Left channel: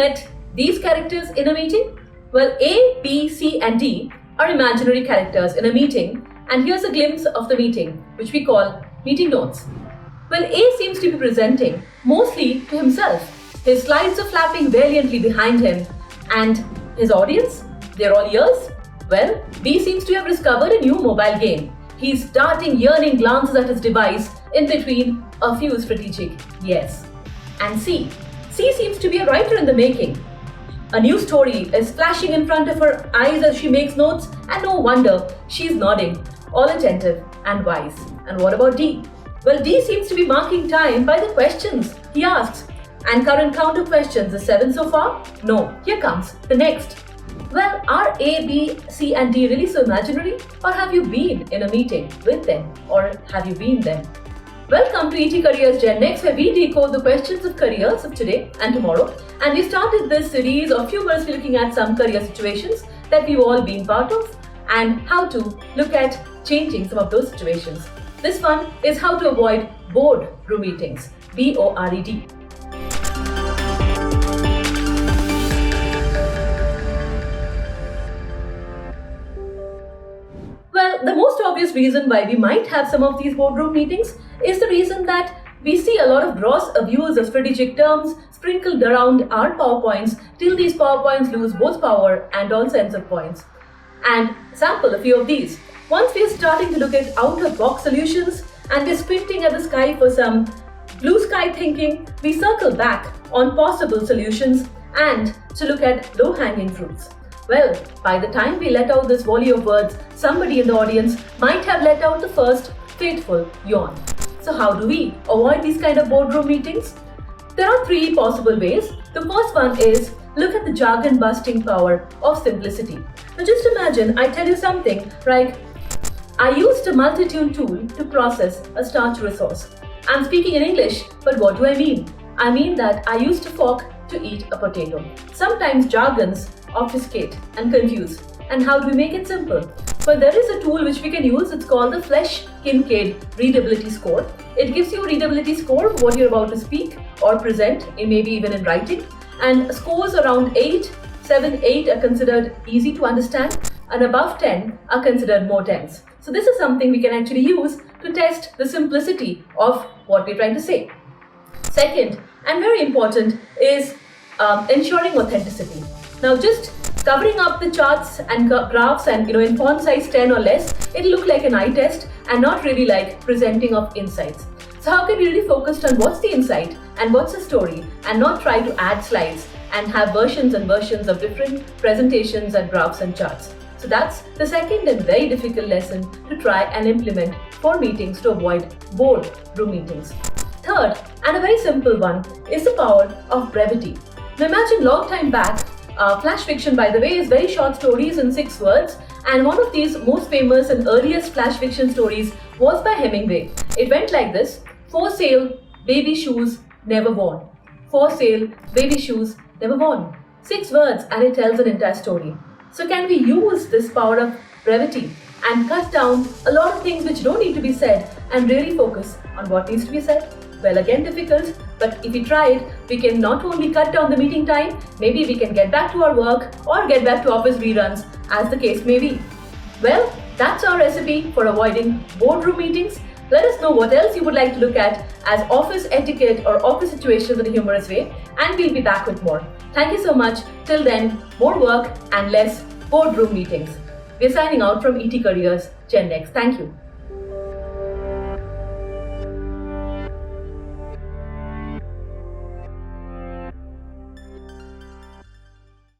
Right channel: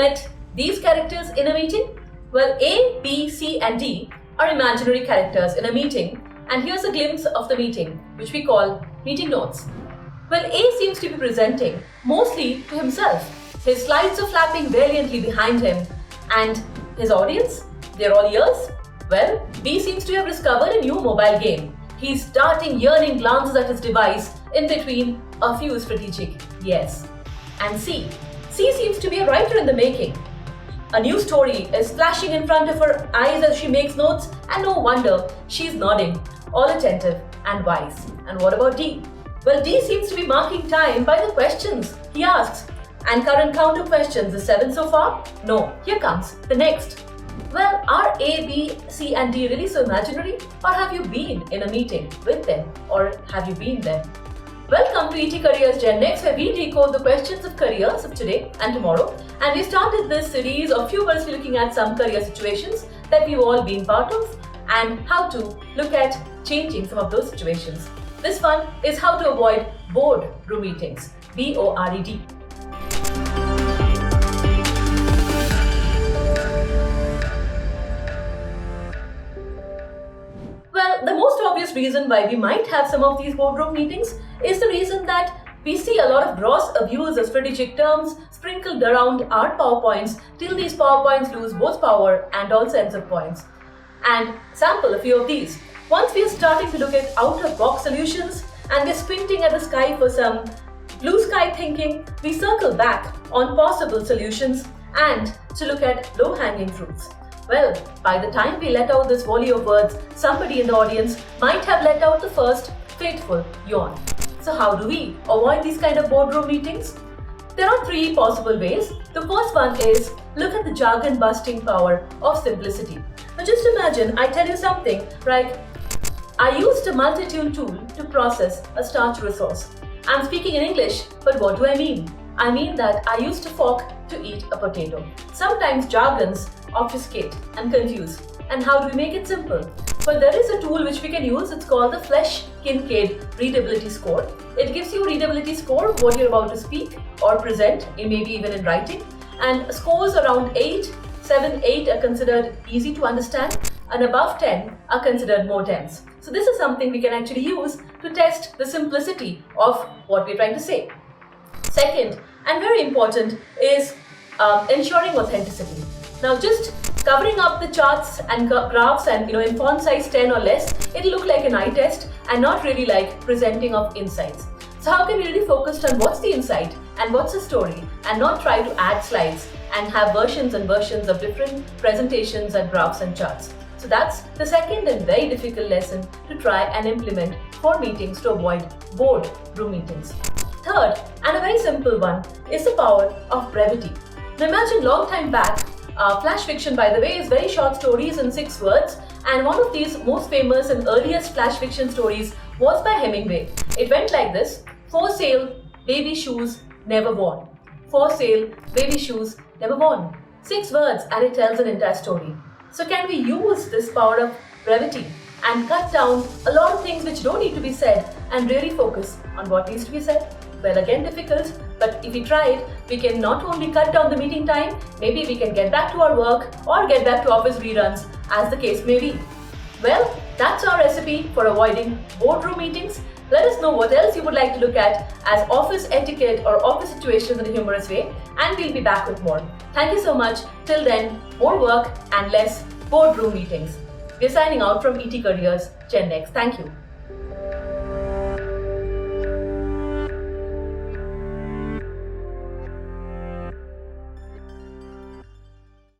met these characters in a meeting? Well, A, B, C, and D are imaginary characters in a meeting, and here's a glimpse of the meeting, which we call meeting notes. Well, A seems to be presenting mostly to himself. His slides are flapping valiantly behind him, and his audience, they're all ears. Well, B seems to have discovered a new mobile game. He's darting yearning glances at his device in between a few strategic yes. And C seems to be a writer in the making. A new story is flashing in front of her eyes as she makes notes, and no wonder she's nodding, all attentive and wise. And what about D? Well, D seems to be marking time by the questions he asks. And current count of questions is 7 so far? No, here comes the next. Well, are A, B, C, and D really so imaginary? Or have you been in a meeting with them? Or have you been them? Welcome to ET Careers GenNext, where we decode the questions of careers of today and tomorrow. And we started this series of humorously looking at some career situations that we've all been part of and how to look at changing some of those situations. This one is how to avoid boardroom meetings, BORED. Well, the most obvious reason why we might have some of these boardroom meetings is the reason that we see a lot of gross abuse of strategic terms sprinkled around our PowerPoints till these PowerPoints lose both power and all sense of points. And sample a few of these. Once we are starting to look at out-of-box solutions and we're squinting at the sky for some blue sky thinking, we circle back on possible solutions and to look at low-hanging fruits. Well, by the time we let out this volley of words, somebody in the audience might have let out the first fateful yawn. So how do we avoid these kind of boardroom meetings? There are 3 possible ways. The first one is look at the jargon-busting power of simplicity. Now just imagine I tell you something like, I used a multi-tune tool to process a starch resource. I'm speaking in English, but what do I mean? I mean that I used a fork to eat a potato. Sometimes jargons obfuscate and confuse. And how do we make it simple? Well, there is a tool which we can use. It's called the Flesch-Kincaid Readability Score. It gives you a readability score of what you're about to speak or present, maybe even in writing. And scores around 8, 7, 8 are considered easy to understand, and above 10 are considered more dense. So this is something we can actually use to test the simplicity of what we're trying to say. Second, and very important, is ensuring authenticity. Now just covering up the charts and graphs and in font size 10 or less, it'll look like an eye test and not really like presenting of insights. So how can we really focus on what's the insight and what's the story and not try to add slides and have versions and versions of different presentations and graphs and charts. So that's the second and very difficult lesson to try and implement for meetings to avoid boardroom meetings. Third, and a very simple one, is the power of brevity. Now imagine long time back, flash fiction, by the way, is very short stories in 6 words, and one of these most famous and earliest flash fiction stories was by Hemingway. It went like this: for sale, baby shoes, never worn. For sale, baby shoes, never worn. 6 words and it tells an entire story. So can we use this power of brevity and cut down a lot of things which don't need to be said and really focus on what needs to be said? Well, again, difficult, but if we try it, we can not only cut down the meeting time, maybe we can get back to our work or get back to office reruns, as the case may be. Well, that's our recipe for avoiding boardroom meetings. Let us know what else you would like to look at as office etiquette or office situations in a humorous way, and we'll be back with more. Thank you so much. Till then, more work and less boardroom meetings. We're signing out from ET Careers GenNext. Thank you.